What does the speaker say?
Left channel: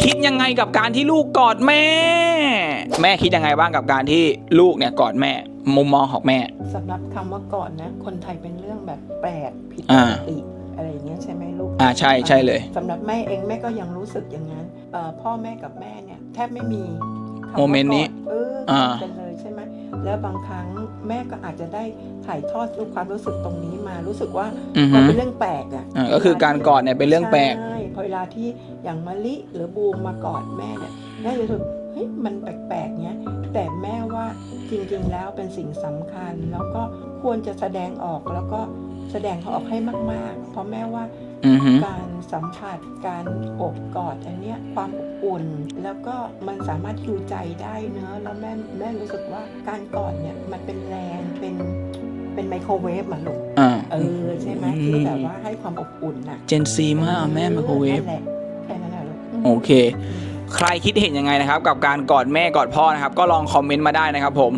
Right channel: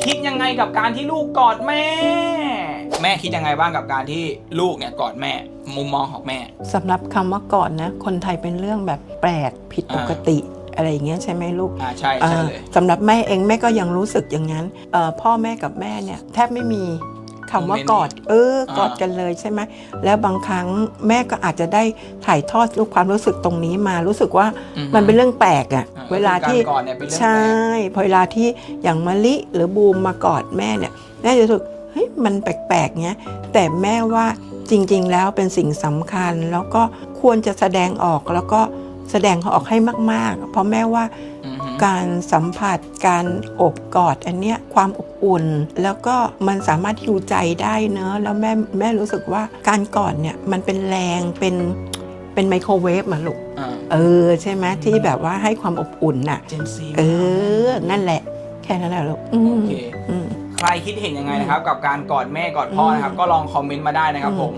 คิดยังไงกับการที่ลูกกอดแม่ แม่คิดยังไงบ้างกับการที่ลูกเนี่ยกอดแม่ มุมมองของแม่ สำหรับคำว่าก่อนนะ คนไทยเป็นเรื่องแบบแปลกผิดปอ่ากติอะไรอย่างเงี้ยใช่ไหมลูกอ่าใช่ใช่เลย อ่าสำหรับแม่เองแม่ก็ยังรู้สึกอย่างนั้นเอ่อพ่อแม่กับแม่เนี่ยแทบไม่มี คำโมเมว่านต์กนี้อดเออกอดอ่ากันเลยใช่ไหมแล้วบางครั้งแม่ก็อาจจะได้ถ่ายทอดความรู้สึกตรงนี้มารู้สึกว่าอือฮึมันเป็นเรื่องแปลกอะอ่าก็คือการกอดเนี่ยเป็นเรื่องแปลกใช่พอเวลาที่อย่างมะลิหรือบูมมากอดแม่เนี่ยแม่จะรู้สึกเฮ้ยมันแปลกๆเงี้ยแต่แม่ว่าจริง ๆ แล้วเป็นสิ่งสำคัญแล้วก็ควรจะแสดงออกแล้วก็ แสดงออกให้มาก ๆ เพราะแม่ว่าอือฮึการสัมผัสการโอบกอดอันเนี้ยความอบอุ่น แล้วก็มันสามารถฮิวใจได้เนอะแล้วแม่แม่รู้สึกว่าการกอดเนี่ยมันเป็นแรงเป็นเป็นไมโครเวฟมาลูกอ่าเออใช่ไหมที่แบบว่าให้ความอบอุ่นน่ะเจนซีเอมากอแม่โอ้ยนั่นแหละแค่นั้นแหละลูกมโอเคอืมใครคิดเห็นยังไงนะครับ กับการกอดแม่กอดพ่อนะครับ ก็ลองคอมเมนต์มาได้นะครับผม